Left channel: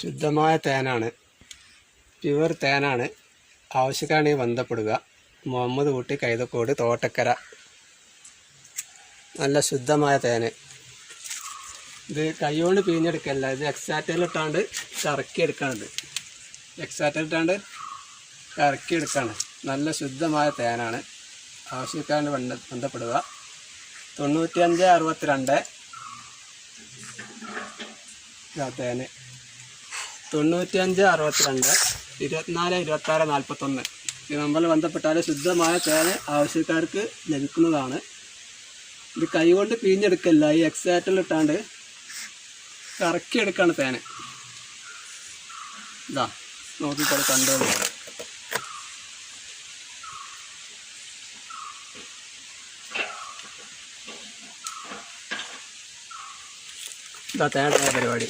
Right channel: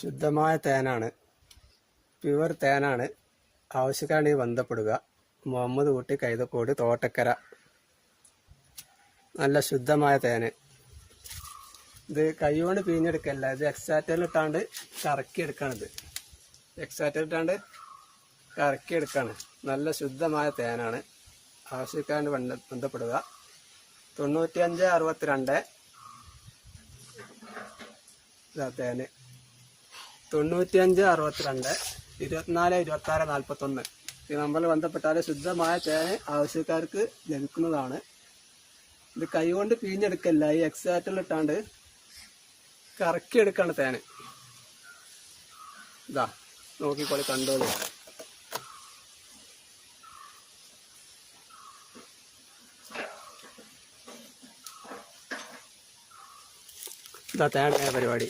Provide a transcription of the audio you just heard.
ശുദ്ധമായ തേനാണ്, പ്യുവർ തേനാണ്. ആവശ്യക്കാണെങ്കിൽ ബന്ധപ്പെടുക. മുഹമ്മദ് കുട്ടി, കൈതക്കോട്, തോട്ടക്കര. നല്ല ശുദ്ധമായ തേന്. ഇത് കൈകൊണ്ട് പിഴിഞ്ഞെടുക്കല്ല, ഇത് എക്സാറ്ററിലിട്ടാണ്ട് കറക്കിയെടുക്കാണിത്. എക്സാറ്ററിലിട്ടാണ്ട് കറക്കിയെടുക്കാണ്. നല്ല ശുദ്ധമായ തേനാണ്. ആവശ്യക്കാരന് ബന്ധപ്പെടുക. 9562 തേന് 9562 24 26 41 ഈ നമ്പറിൽ ബന്ധപ്പെട്ടാൽ ശുദ്ധമായ തേന് ആവശ്യക്കാർക്ക് ലഭിക്കുന്നതാണ്. ഇത് കൈകൊണ്ട് പിഴിഞ്ഞെടുക്കല്ല, ഈ എക്സാറ്ററിലിട്ടാണ്ട് കറക്കിയെടുക്കാണ് തേന്. ഇതാ നോക്കിക്കോളി, കണ്ടോളൂ. ഇതാ തേനായ പരിപാടി.